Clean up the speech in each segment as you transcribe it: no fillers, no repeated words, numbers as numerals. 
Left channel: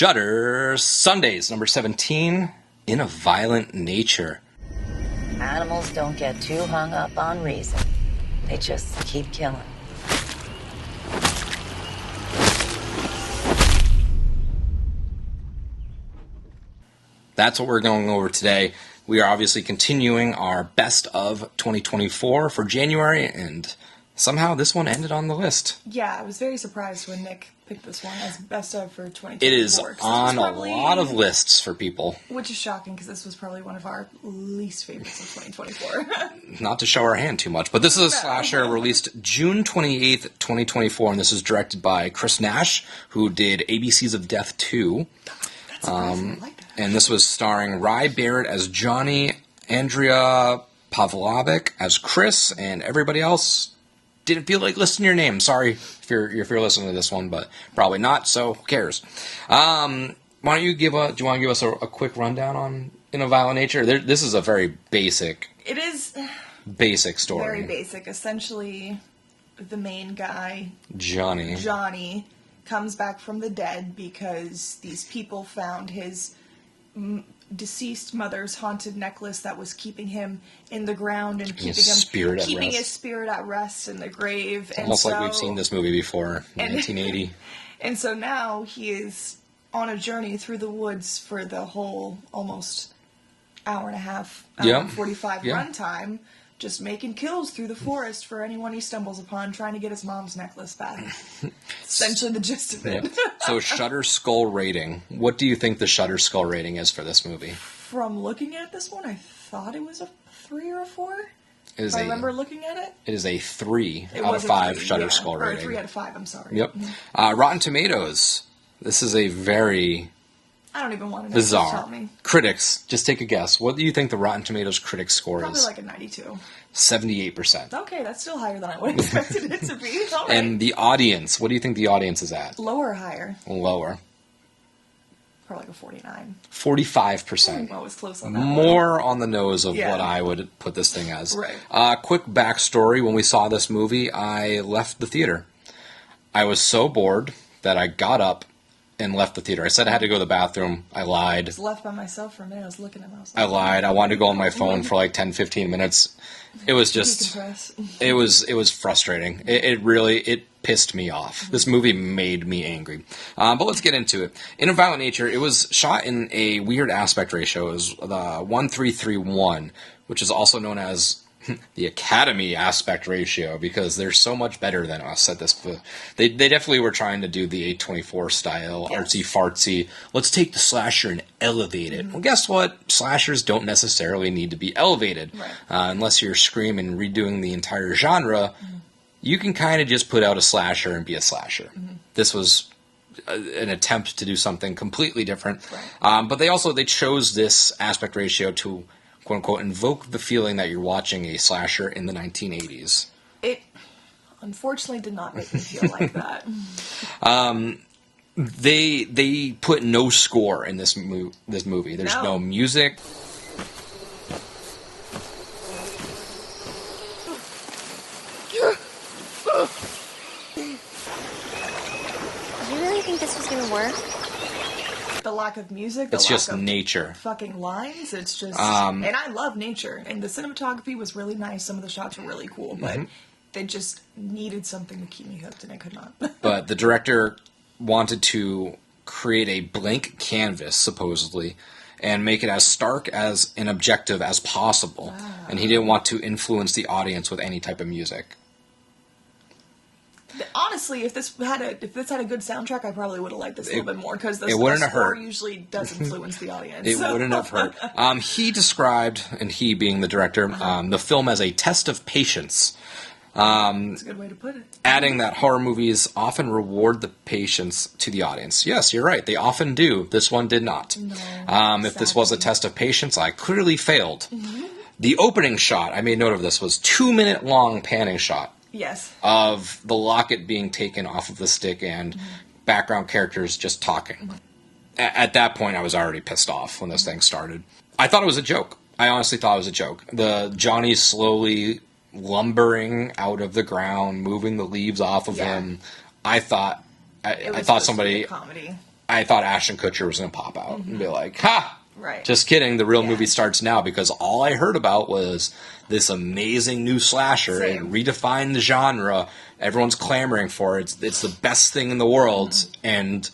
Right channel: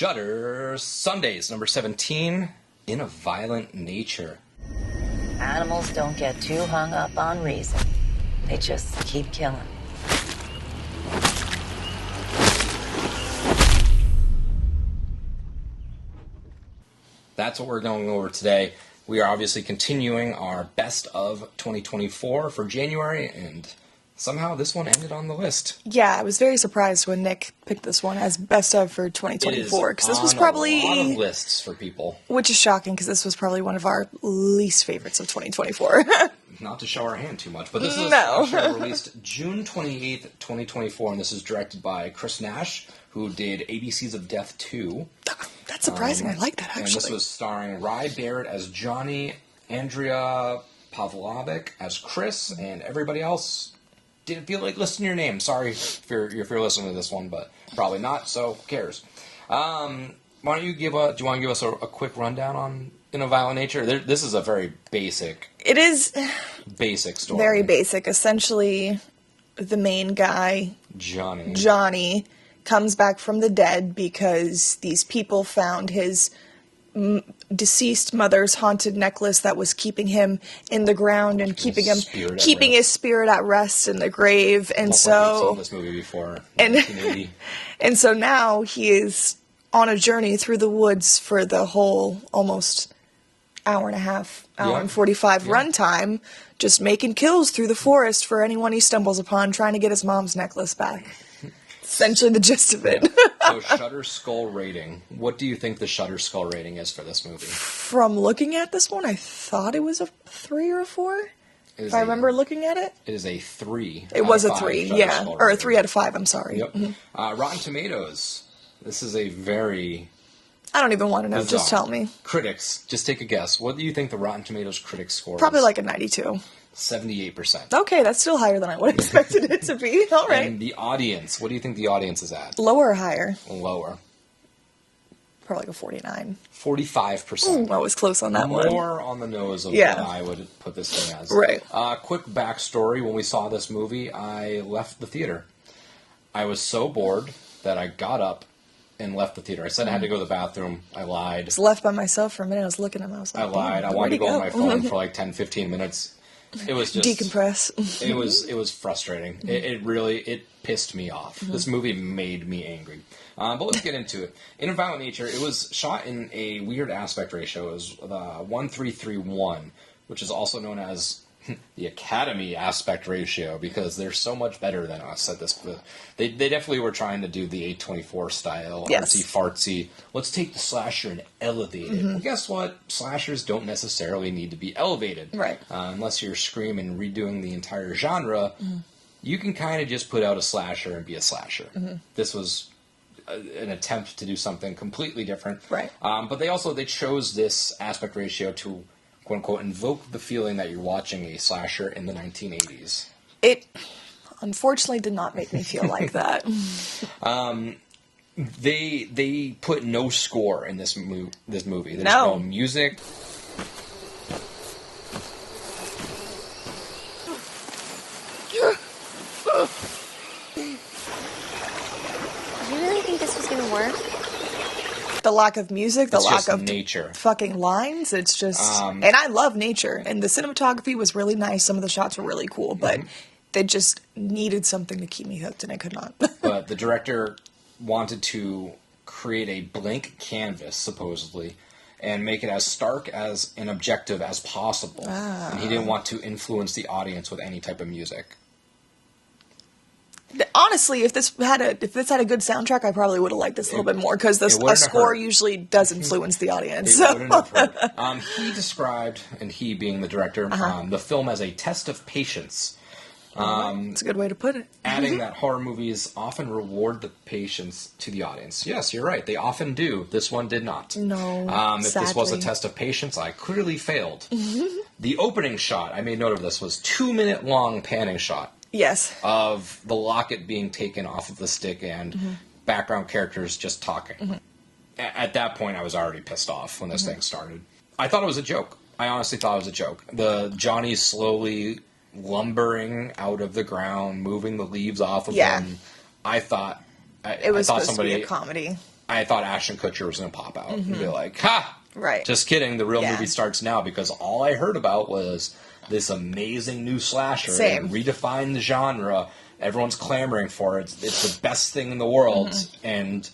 Shudder, Sundays, number 17, In a Violent Nature. Animals don't get too hung up on reason. They just keep killing. That's what we're going over today. We are obviously continuing our best of 2024 for January, and somehow this one ended on the list. Yeah, I was very surprised when Nick picked this one as best of for 2024. It is this was probably a lot of lists for people. Which is shocking, because this was probably one of our least favorites of 2024. Not to show our hand too much, but this is a slasher released June 28th, 2024, and this is directed by Chris Nash, who did ABCs of Death 2. That's surprising. I like that, actually. And this was starring Ry Barrett as Johnny, Andrea Pavlovic as Chris, and everybody else didn't feel like listing your name. Sorry if you're listening to this one, but probably not, so who cares? Why don't you do you want to give us a quick rundown on In a Violent Nature? This is a very basic... It is... Basic story. Very basic. Essentially, the main guy... Johnny comes back from the dead because these people found his deceased mother's haunted necklace that was keeping him in the ground and keeping his spirit at rest in the grave. And almost so like we've seen this movie before in 1980. And so now he is on a journey through the woods for the whole almost hour and a half, hour and 45 runtime, just making kills through the forest for anyone he stumbles upon, trying to get his mom's necklace back. Essentially the gist of it. So Shudder Skull rating. What do you think the Shudder Skull rating is for this movie? From looking at this one, I thought it was a 3 or a 4. I remember looking at it. It is a 3. It was a 3, Shudder Skull or a rating. 3 out of 5, I'm sorry. Yep. Rotten Tomatoes. This is a very... I don't even want to know, bizarre. Just tell me. Critics, just take a guess. What do you think the Rotten Tomatoes critic score is? Probably like a 92. 78%. Okay, that's still higher than I would have expected it to be. All right. And the audience, what do you think the audience is at? Lower or higher? Lower. Probably like a 49. 45%. I was close on that one. More on the nose of what I would put this thing as. Right. Quick backstory. When we saw this movie, I left the theater. I was so bored that I got up and left the theater. I said I had to go to the bathroom. I lied. I was left by myself for a minute. I was looking at him. I lied. I wanted to go on my phone for like 10, 15 minutes. It was just... Decompress. It was frustrating. It really pissed me off. This movie made me angry. But let's get into it. In a Violent Nature, it was shot in a weird aspect ratio. It was the 1:3:1, which is also known as the Academy aspect ratio, because they're so much better than us at this. They definitely were trying to do the A24 style, artsy fartsy. Let's take the slasher and elevate it. Well, guess what? Slashers don't necessarily need to be elevated, right? Unless you're screaming and redoing the entire genre. You can kind of just put out a slasher and be a slasher. This was an attempt to do something completely different, right? But they chose this aspect ratio to, quote-unquote, invoke the feeling that you're watching a slasher in the 1980s. It, unfortunately, did not make me feel like that. They put no score in this movie. There's no music. Do you really think this was going to work? The lack of music, the lack of nature. Fucking lines, it's just... and I love nature, and the cinematography was really nice. Some of the shots were really cool, but they just needed something to keep me hooked, and I could not. But the director wanted to create a blank canvas, supposedly, and make it as stark as and objective as possible. And he didn't want to influence the audience with any type of music. Honestly, if this had a good soundtrack, I probably would have liked this a little bit more, because the score usually does influence the audience. It wouldn't have hurt. He described, and he being the director, the film as a test of patience. That's a good way to put it. Adding that horror movies often reward the patience to the audience. Yes, you're right. They often do. This one did not. No, if this was a test of patience, I clearly failed. The opening shot, I made note of this, was 2-minute long panning shot. Yes. Of the locket being taken off of the stick and background characters just talking. At that point, I was already pissed off when those things started. I thought it was a joke. I honestly thought it was a joke. The Johnny slowly lumbering out of the ground, moving the leaves off of him. I thought it was somebody a comedy. I thought Ashton Kutcher was going to pop out and be like, ha! Right. Just kidding. The real movie starts now, because all I heard about was this amazing new slasher. It redefined the genre. Everyone's clamoring for it. It's the best thing in the world. And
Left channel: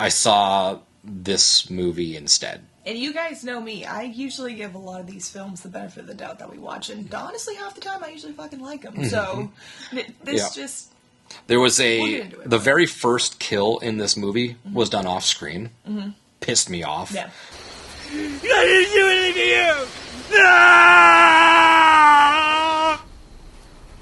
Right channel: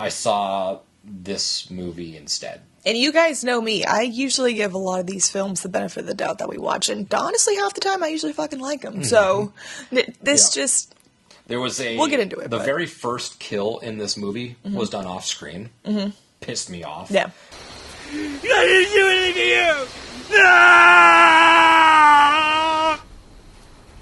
I saw this movie instead. And you guys know me. I usually give a lot of these films the benefit of the doubt that we watch. And honestly, half the time, I usually fucking like them. So this just... There was we'll get into it. The very first kill in this movie was done off screen. Pissed me off. Yeah. I didn't do anything to you! No!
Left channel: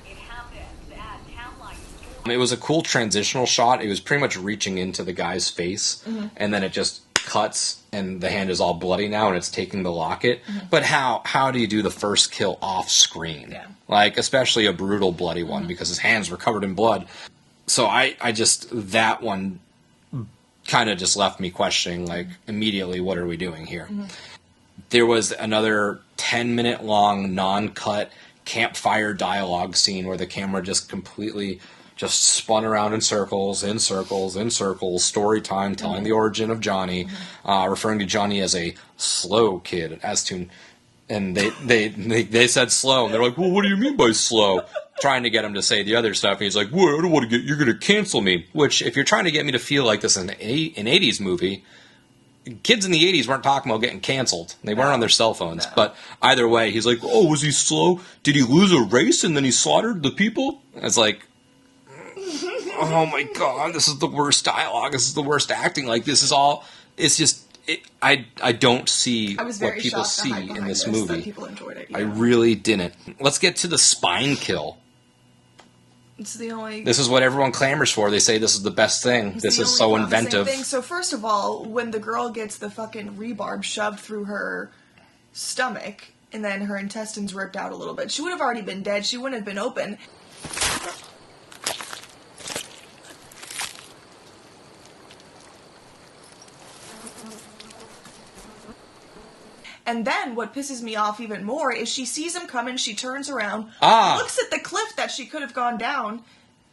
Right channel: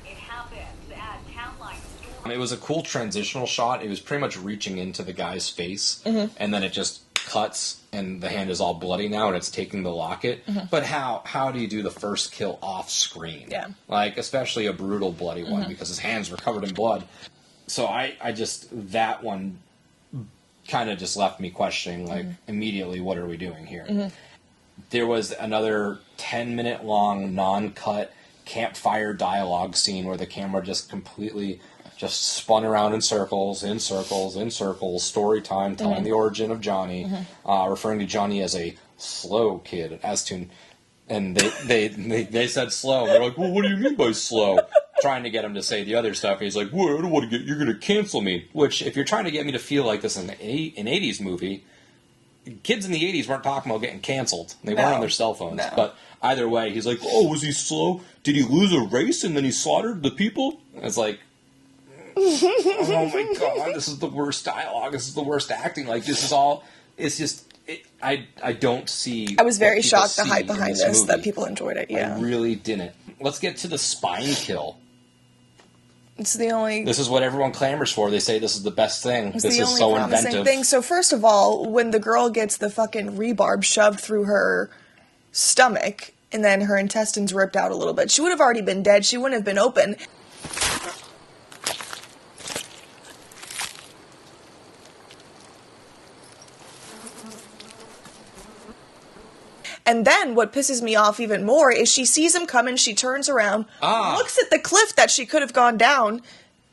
It happened at Town Line Store. It was a cool transitional shot. It was pretty much reaching into the guy's face, and then it just cuts, and the hand is all bloody now, and it's taking the locket. But how do you do the first kill off screen? Yeah. Like, especially a brutal, bloody one, because his hands were covered in blood. So I just, that one kind of just left me questioning, like, immediately, what are we doing here? There was another 10-minute long, non-cut campfire dialogue scene where the camera just completely just spun around in circles, story time, telling the origin of Johnny, referring to Johnny as a slow kid, as to, and they said slow, and they're like, well, what do you mean by slow? Trying to get him to say the other stuff, and he's like, well, I don't want to get, you're going to cancel me. Which, if you're trying to get me to feel like this is an 80s movie, kids in the 80s weren't talking about getting canceled. They weren't on their cell phones. But either way, he's like, oh, was he slow? Did he lose a race and then he slaughtered the people? It's like, oh my god, this is the worst dialogue. This is the worst acting. Like, this is all, it's just, I don't see. I was very shocked the see hype behind this, movie. that people enjoyed it. I really didn't. Let's get to the spine kill. It's the only... This is what everyone clamors for. They say this is the best thing. This is so inventive. Thing. So first of all, when the girl gets the fucking rebarb shoved through her stomach, and then her intestines ripped out a little bit, she would have already been dead. She wouldn't have been open. And then what pisses me off even more is she sees him coming, she turns around, looks at the cliff that she could have gone down,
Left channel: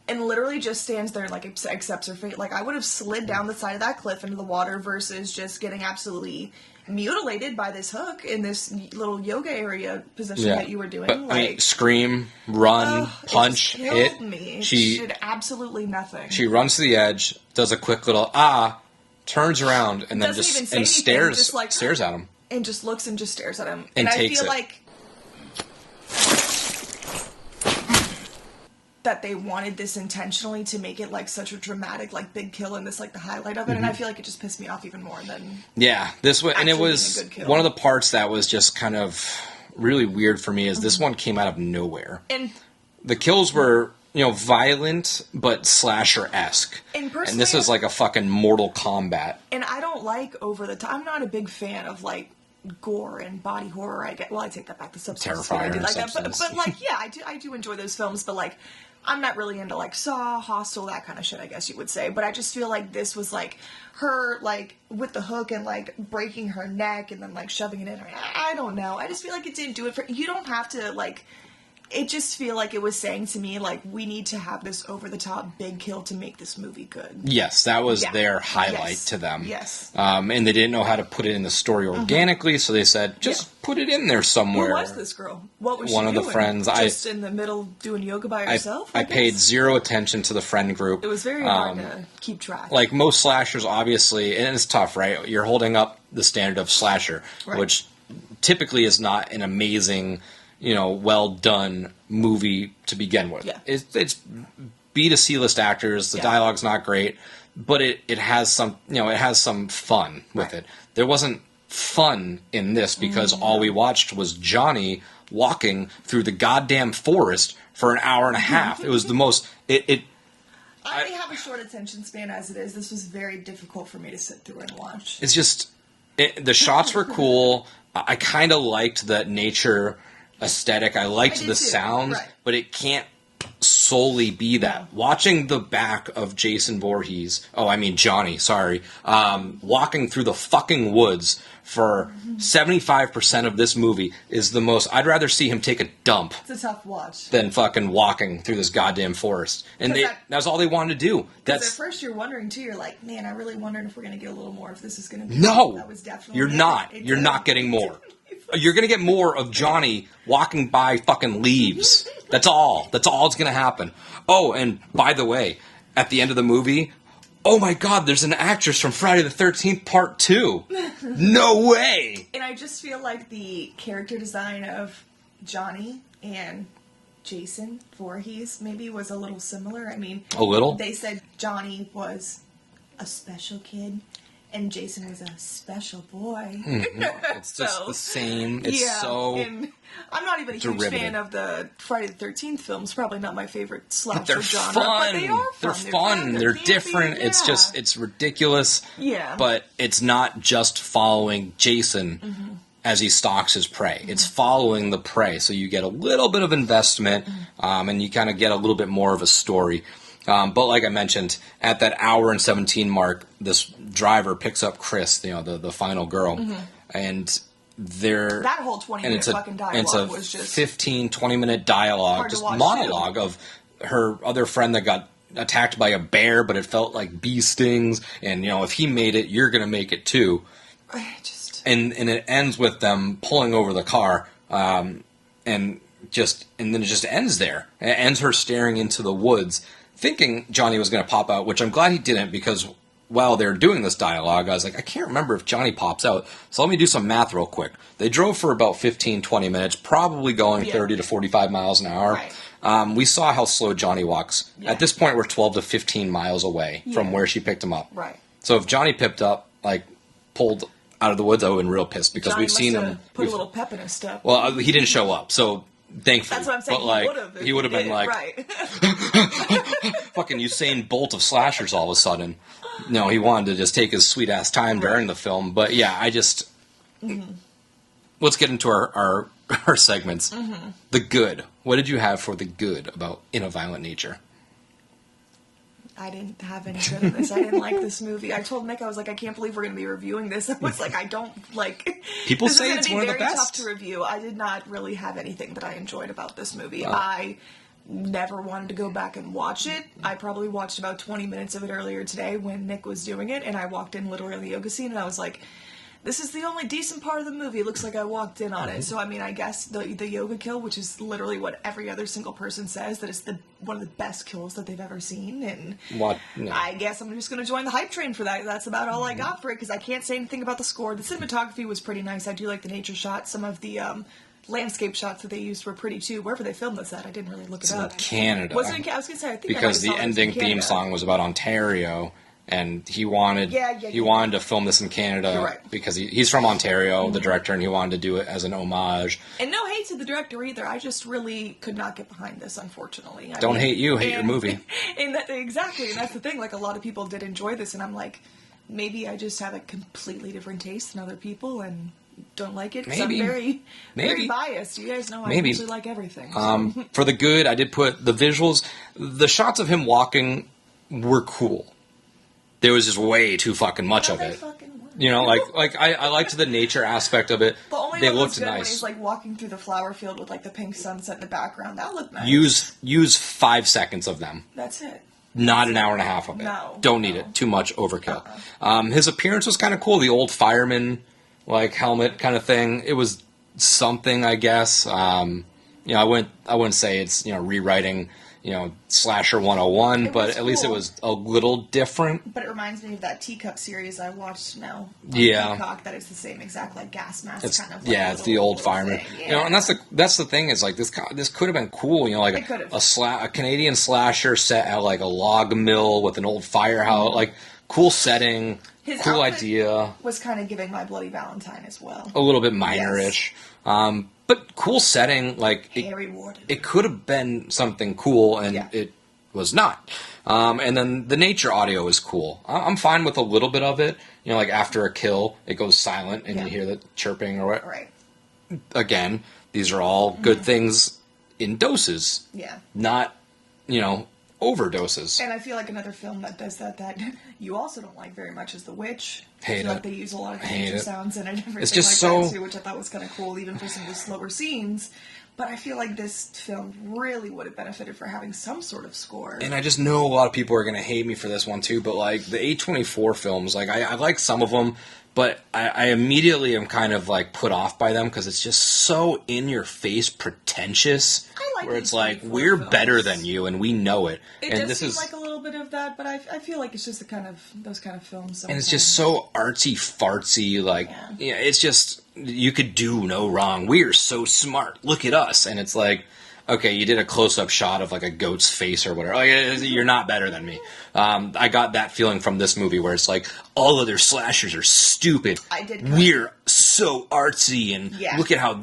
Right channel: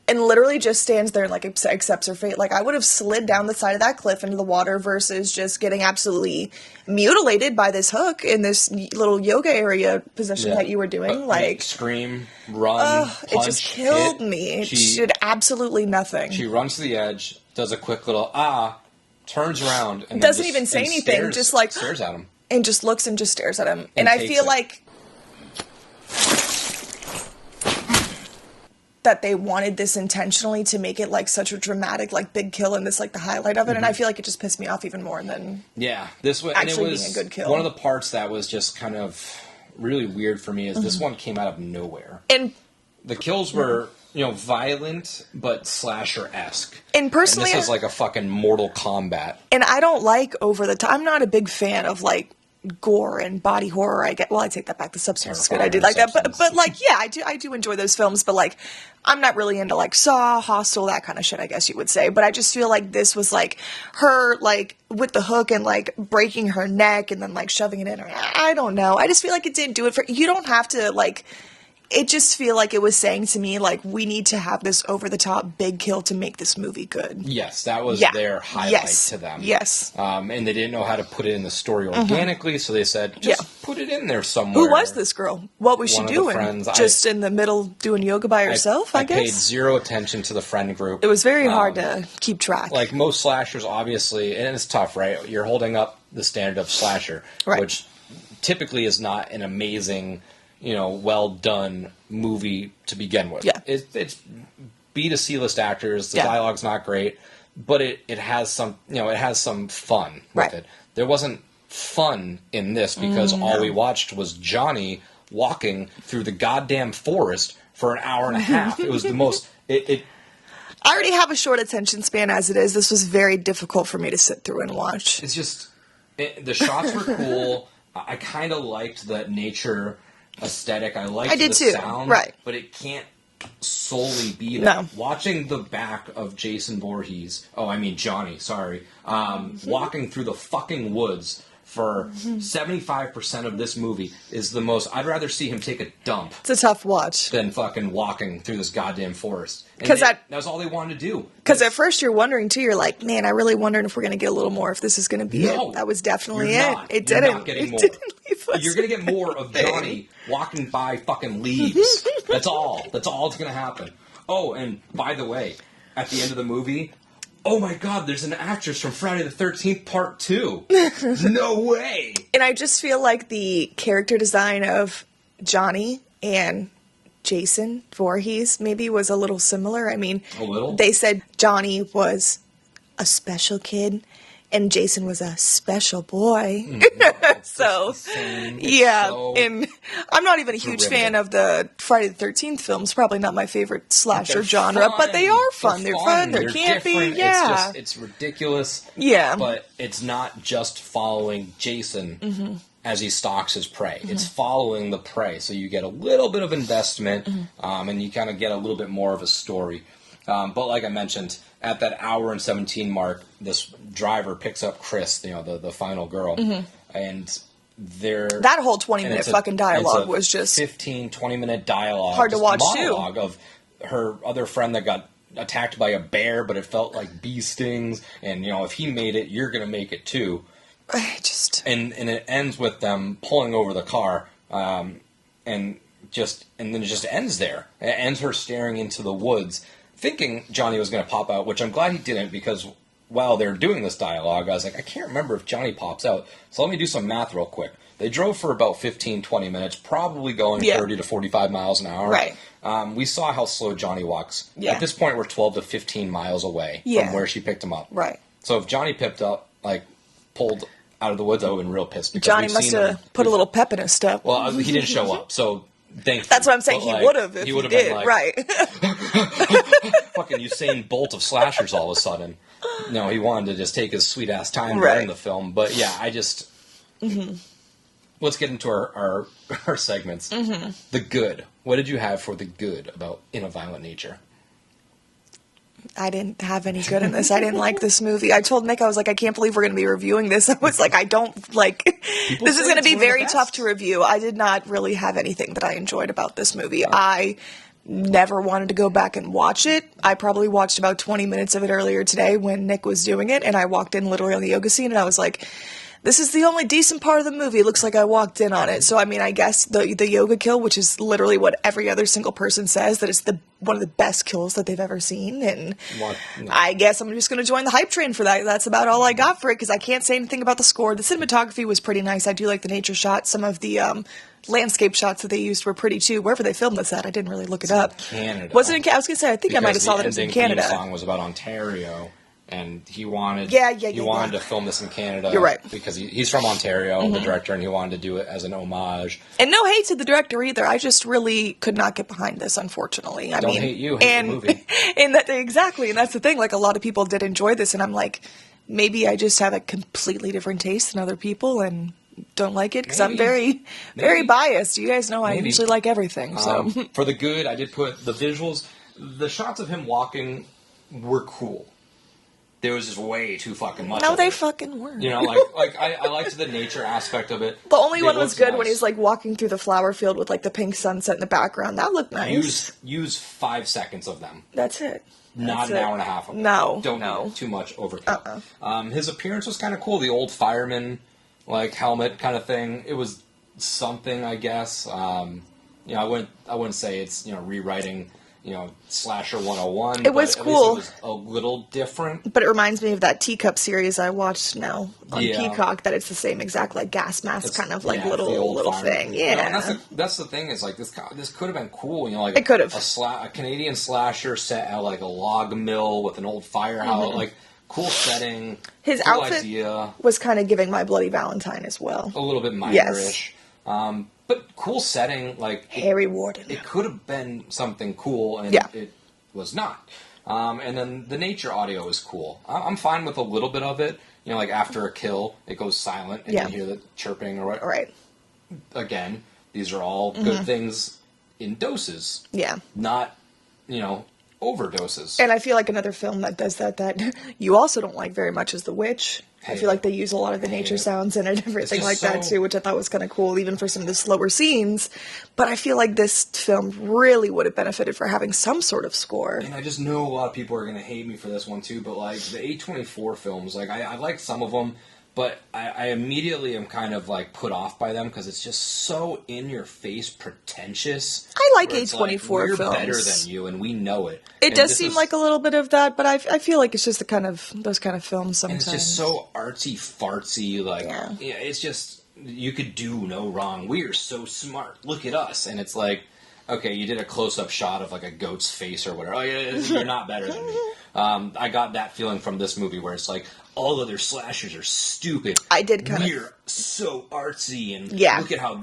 and literally just stands there and, like, accepts her fate. Like, I would have slid down the side of that cliff into the water versus just getting absolutely mutilated by this hook in this little yoga area position that you were doing. But, like, I mean, scream, run, punch, it just killed me. She did absolutely nothing. She runs to the edge, does a quick little turns around, and then doesn't even say anything, just like stares at him. And just looks and just stares at him. And I feel like that they wanted this intentionally to make it like such a dramatic, like, big kill, and this, like, the highlight of it. And I feel like it just pissed me off even more than this was, and it was one of the parts that was just kind of really weird for me is this one came out of nowhere. And the kills were, you know, violent but slasher-esque. And personally, and this is like a fucking Mortal Kombat. And I don't like over the top. I'm not a big fan of, like, gore and body horror. I take that back. The Substance is what I do like that. But like, yeah, I do enjoy those films. But, like, I'm not really into, like, Saw, Hostel, that kind of shit, I guess you would say. But I just feel like this was, like, her, like, with the hook and, like, breaking her neck and then, like, shoving it in her. I don't know. I just feel like it didn't do it for... You don't have to, like... It just feel like it was saying to me, like, we need to have this over-the-top big kill to make this movie good. Yes, that was their highlight to them. Yes. And they didn't know how to put it in the story organically, so they said, just put it in there somewhere. Who was this girl? What was she doing? One of the friends. Just in the middle doing yoga by herself, I guess? I paid zero attention to the friend group. It was very hard to keep track. Like, most slashers, obviously, and it's tough, right? You're holding up the standard of slasher, which typically is not an amazing... you know, well done movie to begin with. Yeah. It's B to C list actors. The dialogue's not great, but it has some, you know, it has some fun with it. There wasn't fun in this because all we watched was Johnny walking through the goddamn forest for an hour and a half. It was the most, I already have a short attention span as it is. This was very difficult for me to sit through and watch. It's just, the shots were cool. I kind of liked the nature aesthetic. I liked the sound, but it can't solely be that. No. Watching the back of Johnny, sorry, walking through the fucking woods for 75% of this movie is the most. I'd rather see him take a dump. It's a tough watch. Than fucking walking through this goddamn forest. And that's all they wanted to do. Because at first you're wondering too. You're like, man, I really wondered if we're going to get a little more. If this is going to be it. That was definitely you're not. You're not getting more. You're going to get more of Johnny walking by fucking leaves. That's all. That's all that's going to happen. Oh, and by the way, at the end of the movie, oh my God, there's an actress from Friday the 13th Part 2. No way! And I just feel like the character design of Johnny and Jason Voorhees maybe was a little similar. I mean, a little? They said Johnny was a special kid and Jason was a special boy. It's just the same. And I'm not even a huge fan of the Friday the 13th films. Probably not my favorite slasher genre, but they are fun. They're fun. They're different. Yeah. It's ridiculous. Yeah. But it's not just following Jason as he stalks his prey. It's following the prey. So you get a little bit of investment and you kind of get a little bit more of a story. But like I mentioned, at that hour and 17 mark, this driver picks up Chris, the final girl, and that whole 20-minute fucking dialogue was just 20-minute dialogue, hard to watch monologue of her other friend that got attacked by a bear, but it felt like bee stings, and if he made it, you're gonna make it too. And it ends with them pulling over the car, and then it just ends there. It ends her staring into the woods, thinking Johnny was going to pop out, which I'm glad he didn't, because while they're doing this dialogue, I was like, I can't remember if Johnny pops out, so let me do some math real quick. They drove for about 15-20 minutes, probably going 30 to 45 miles an hour. Right. We saw how slow Johnny walks. Yeah. At this point, we're 12 to 15 miles away from where she picked him up. Right. So if Johnny pulled out of the woods, I would have been real pissed, because Johnny we've seen him put a little pep in his step. Well, he didn't show up, so thankfully. That's what I'm saying. He would have. He would have been like, right. fucking Usain Bolt of slashers all of a sudden. No, he wanted to just take his sweet ass time during the film. But yeah, I just let's get into our segments. The good. What did you have for the good about In a Violent Nature? I didn't have any good in this. I didn't like this movie. I told Nick, I was like, I can't believe we're going to be reviewing this. I was like, I don't like... People this is going to be very best. tough to review. I did not really have anything that I enjoyed about this movie. I never wanted to go back and watch it. I probably watched about 20 minutes of it earlier today when Nick was doing it, and I walked in literally on the yoga scene, and I was like... This is the only decent part of the movie. It looks like I walked in on it. So, I mean, I guess the yoga kill, which is literally what every other single person says, that it's one of the best kills that they've ever seen. And I guess I'm just going to join the hype train for that. That's about all I got for it, because I can't say anything about the score. The cinematography was pretty nice. I do like the nature shots. Some of the landscape shots that they used were pretty, too. Wherever they filmed this at, I didn't really look it up. Canada. Wasn't it? I was going to say, I think I might have saw that in Canada. Because the ending theme song was about Ontario. And he wanted to film this in Canada. You're right. Because he's from Ontario, the director, and he wanted to do it as an homage. And no hate to the director either. I just really could not get behind this, unfortunately. Don't hate you, hate your movie. And exactly, and that's the thing. Like, a lot of people did enjoy this, and I'm like, maybe I just have a completely different taste than other people, and don't like it, because I'm very biased. You guys know I usually like everything. So. For the good, I did put the visuals. The shots of him walking were cool. There was just way too fucking much of it. No, they fucking were. I liked the nature aspect of it. The only one that's good when he's walking through the flower field with the pink sunset in the background. That looked nice. Use 5 seconds of them. That's it. Not an hour and a half of it. No. Don't need it. Too much overkill. His appearance was kind of cool. The old fireman helmet kind of thing. It was something, I guess. I wouldn't say it's rewriting Slasher 101, but at least it was a little different. But it reminds me of that Teacup series I watched now on Peacock, that it's the same exact gas mask little, it's the old fireman thing. Yeah. And that's the thing is this could have been cool, it could have. A Canadian slasher set at a log mill with an old firehouse, cool setting. His cool outfit idea was kind of giving My Bloody Valentine as well. A little bit minor-ish. Yes. But cool setting, Harry Warden. It could have been something cool, and it was not. And then the nature audio is cool. I'm fine with a little bit of it. After a kill, it goes silent, and you hear the chirping or what. Right. Again, these are all good things in doses. Yeah. Not overdoses. And I feel like another film that does that you also don't like very much is The Witch. I feel like they use a lot of the nature sounds in it, everything like that too, which I thought was kind of cool, even for some of the slower scenes. But I feel like this film really would have benefited for having some sort of score. And I just know a lot of people are going to hate me for this one too, but like the A24 films, like I like some of them, but I immediately am kind of like put off by them because it's just so in your face pretentious. I like A24 like, we're films. better than you, and we know it. It does seem like a little bit of that, but I feel like it's just those kind of films sometimes. And it's just so artsy fartsy, like it's just you could do no wrong. We are so smart. Look at us, and it's like. Okay, you did a close-up shot of like a goat's face or whatever. Oh, yeah, you're not better than me. I got that feeling from this movie where it's like all other slashers are stupid. I did. We're so artsy and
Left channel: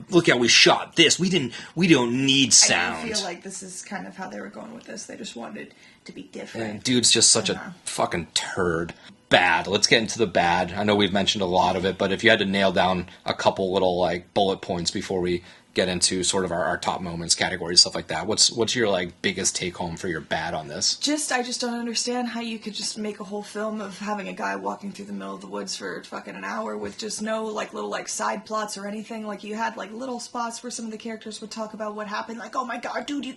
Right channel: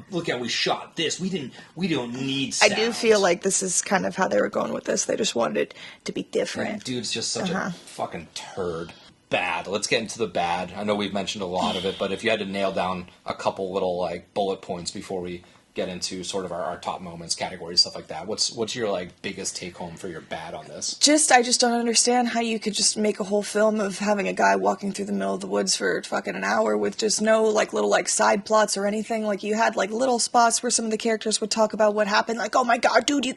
look how we shot this. We don't need sound. I do feel like this is kind of how they were going with this. They just wanted it to be different. And dude's just such a fucking turd. Bad. Let's get into the bad. I know we've mentioned a lot of it, but if you had to nail down a couple little like bullet points before we get into sort of our top moments categories, stuff like that, what's your like biggest take home for your bad on this? I just don't understand how you could just make a whole film of having a guy walking through the middle of the woods for fucking an hour with just no like little like side plots or anything. Like you had like little spots where some of the characters would talk about what happened, like, oh my god, dude, you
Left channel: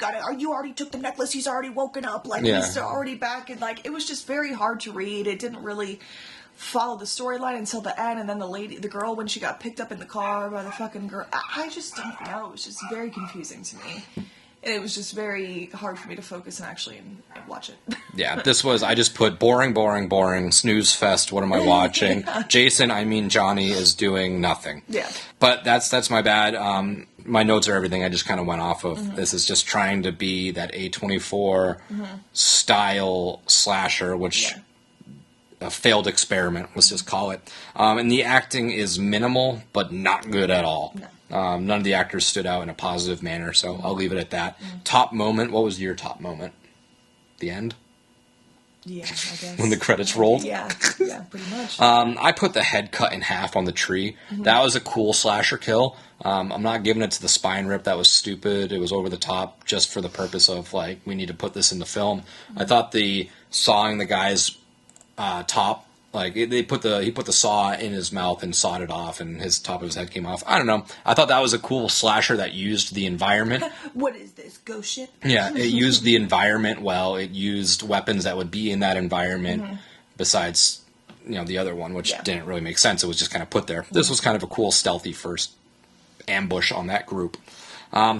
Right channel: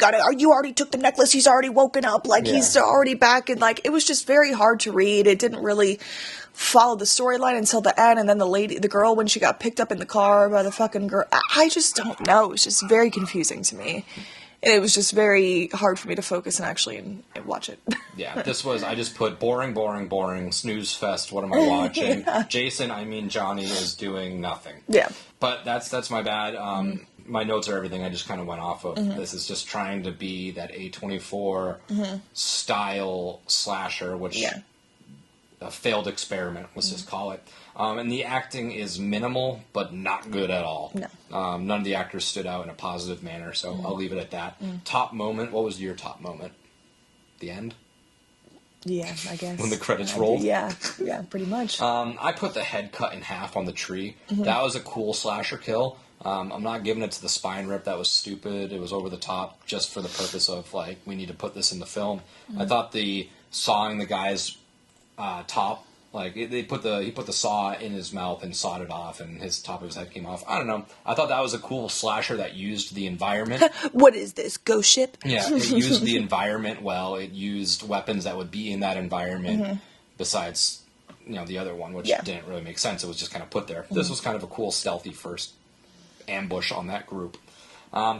already took the necklace, he's already woken up, like he's already back, and like it was just very hard to read. It didn't really follow the storyline until the end, and then the girl, when she got picked up in the car by the fucking girl, I just don't know. It was just very confusing to me. And it was just very hard for me to focus and actually watch it. Yeah, this was, I just put boring, snooze fest, what am I watching? Jason, I mean Johnny, is doing nothing. Yeah. But that's my bad. My notes are everything I just kind of went off of. This is just trying to be that A24 style slasher, which... Yeah. A failed experiment, let's just call it. And the acting is minimal, but not good at all. No. None of the actors stood out in a positive manner, so I'll leave it at that. Top moment, what was your top moment? The end? Yeah, I guess. When the credits rolled? Yeah, pretty much. I put the head cut in half on the tree. That was a cool slasher kill. I'm not giving it to the spine rip. That was stupid. It was over the top just for the purpose of, like, we need to put this in the film. I thought the sawing the guy's top, like he put the saw in his mouth and sawed it off, and his top of his head came off. I don't know. I thought that was a cool slasher that used the environment. What is this, ghost ship? Yeah, it used the environment well. It used weapons that would be in that environment. Besides, the other one, which didn't really make sense. It was just kind of put there. This was kind of a cool, stealthy first ambush on that group.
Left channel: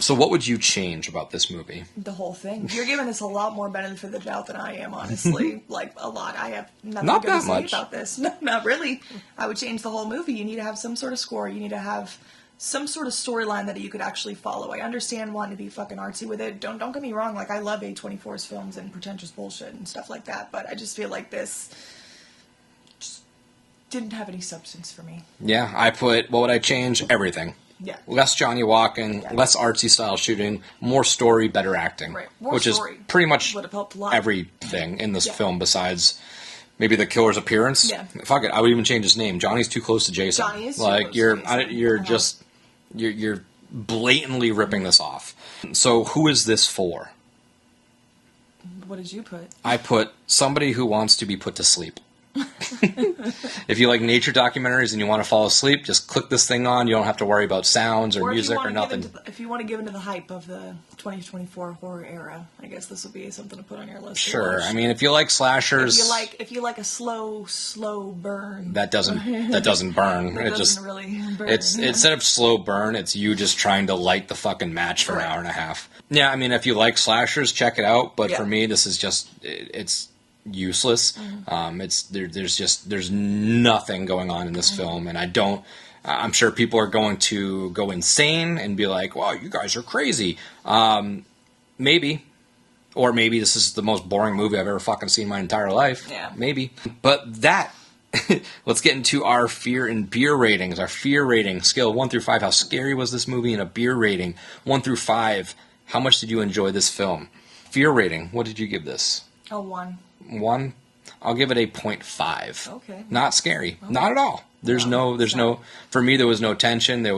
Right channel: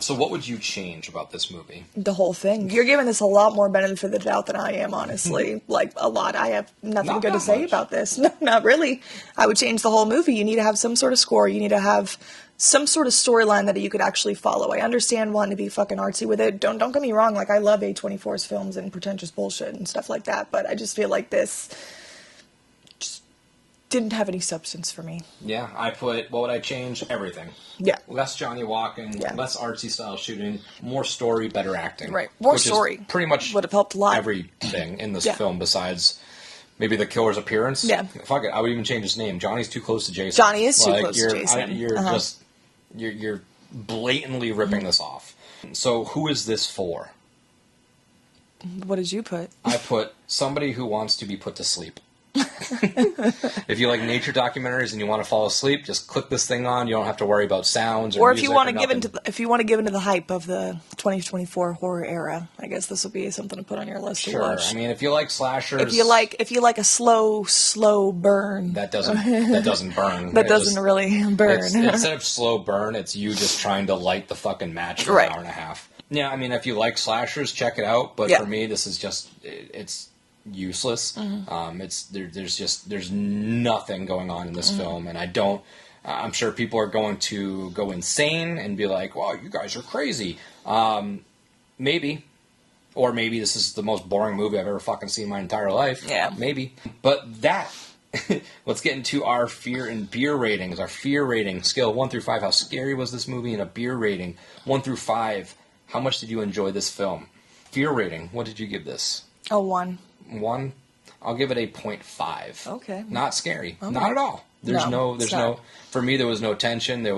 So what would you change about this movie? The whole thing. You're giving this a lot more benefit of the doubt than I am, honestly. Like, a lot. I have nothing good to say about this. No, not really. I would change the whole movie. You need to have some sort of score. You need to have some sort of storyline that you could actually follow. I understand wanting to be fucking artsy with it. Don't get me wrong. Like, I love A24's films and pretentious bullshit and stuff like that. But I just feel like this just didn't have any substance for me. Yeah, what would I change? Everything. Yeah. Less Johnny walking, less artsy style shooting, more story, better acting. Right. More story. Is pretty much would have helped a lot. Everything in this film besides maybe the killer's appearance. Yeah. Fuck it. I would even change his name. Johnny's too close to Jason. Johnny is too close to Jason. You're blatantly ripping this off. So who is this for? What did you put? I put somebody who wants to be put to sleep. If you like nature documentaries and you want to fall asleep, just click this thing on. You don't have to worry about sounds or music or nothing. If you want to give into the hype of the 2024 horror era, I guess this will be something to put on your list. Sure. I mean, if you like slashers, if you like a slow burn, that doesn't burn. That doesn't really burn. Instead of slow burn, it's you just trying to light the fucking match for an hour and a half. Yeah, I mean, if you like slashers, check it out. But for me, this is just it's useless. There's nothing going on in this film, and I'm sure people are going to go insane and be like, wow, you guys are crazy. Maybe this is the most boring movie I've ever fucking seen my entire life. Yeah, maybe. But let's get into our fear and beer ratings. Our fear rating scale 1 through 5. How scary was this movie? And a beer rating 1 through 5. How much did you enjoy this film? Fear rating, what did you give this? A 1. 1? I'll give it a 0.5. Okay. Not scary. Okay. Not at all. There's no, for me, there was no tension. I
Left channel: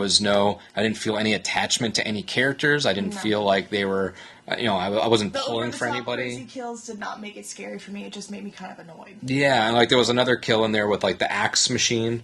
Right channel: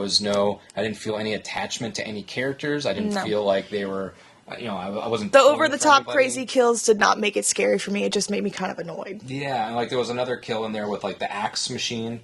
didn't feel any attachment to any characters. I didn't feel like they were I wasn't. The pulling over the for top anybody. crazy kills did not make it scary for me. It just made me kind of annoyed. Yeah, and like there was another kill in there with like the axe machine,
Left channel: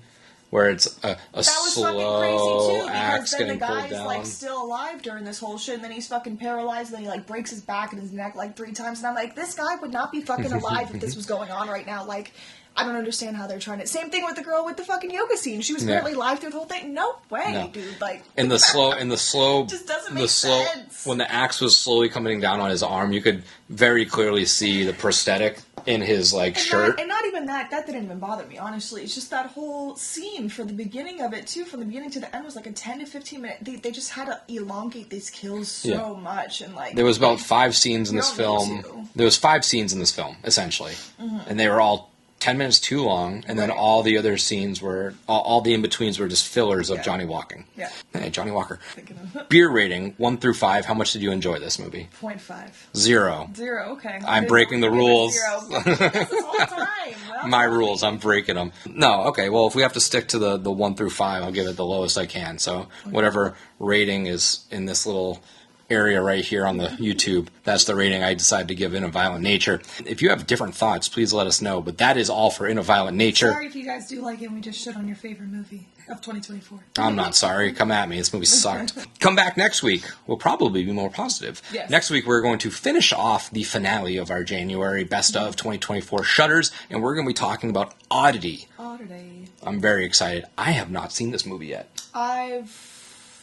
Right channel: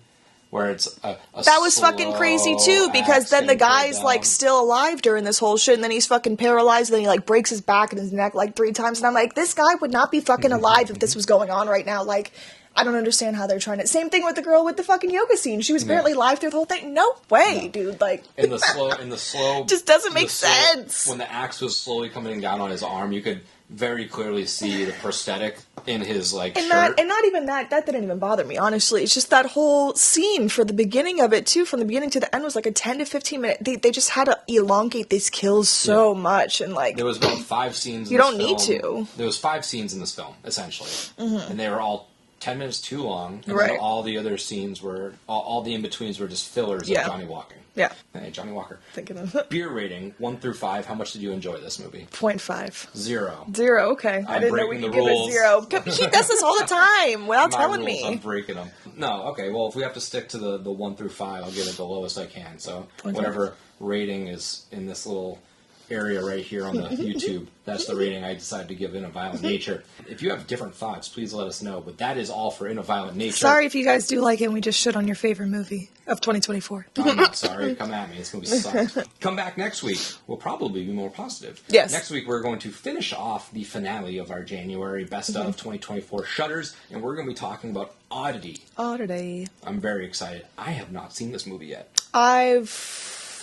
where it's a that was fucking crazy too, because then the guy's like still alive during this whole shit, and then he's fucking paralyzed, and then he like breaks his back and his neck like 3 times, and I'm like, this guy would not be fucking alive if this was going on right now. Like, I don't understand how they're trying to. Same thing with the girl with the fucking yoga scene. She was apparently live through the whole thing. No way, dude. Like, and the slow just doesn't make sense. When the axe was slowly coming down on his arm, you could very clearly see the prosthetic in his shirt. And not even that. That didn't even bother me, honestly. It's just that whole scene for the beginning of it too, from the beginning to the end, was like a 10 to 15 minute. They just had to elongate these kills so much, and like there was about 5 scenes in this film. You don't need to. There was 5 scenes in this film essentially, and they were all 10 minutes too long, and then all the other scenes were, all the in-betweens were just fillers of Johnny walking. Yeah. Hey, Johnny Walker. Thinking of it. Beer rating, 1 through 5, how much did you enjoy this movie? 0.5. 0. 0, okay. I'm breaking the rules. 0. He does this all the time without My telling rules, me. I'm breaking them. No, okay, well, if we have to stick to the 1 through 5, I'll give it the lowest I can. So whatever rating is in this little area right here on the YouTube, that's the rating I decided to give In a Violent Nature. If you have different thoughts, please let us know, but that is all for In a Violent Nature. Sorry if you guys do like it and we just shit on your favorite movie of 2024. I'm not sorry. Come at me. This movie sucked. Come back next week. We'll probably be more positive. Yes. Next week, we're going to finish off the finale of our January Best of 2024 Shudders, and we're going to be talking about Oddity. Oddity. I'm very excited. I have not seen this movie yet. I've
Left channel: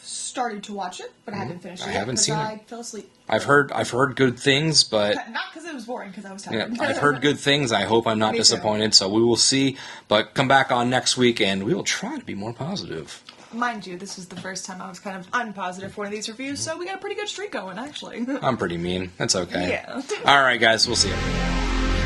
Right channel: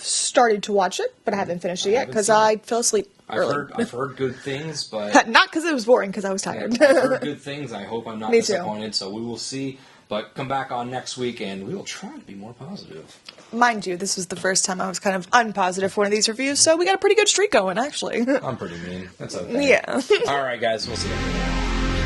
started to watch it, but I haven't finished it yet because I fell asleep. I've heard good things, but not because it was boring, because I was tired. I've heard good things. I hope I'm not disappointed. So we will see. But come back on next week, and we will try to be more positive. Mind you, this was the first time I was kind of unpositive for one of these reviews, so we got a pretty good streak going, actually. I'm pretty mean. That's okay. Yeah. All right, guys. We'll see you.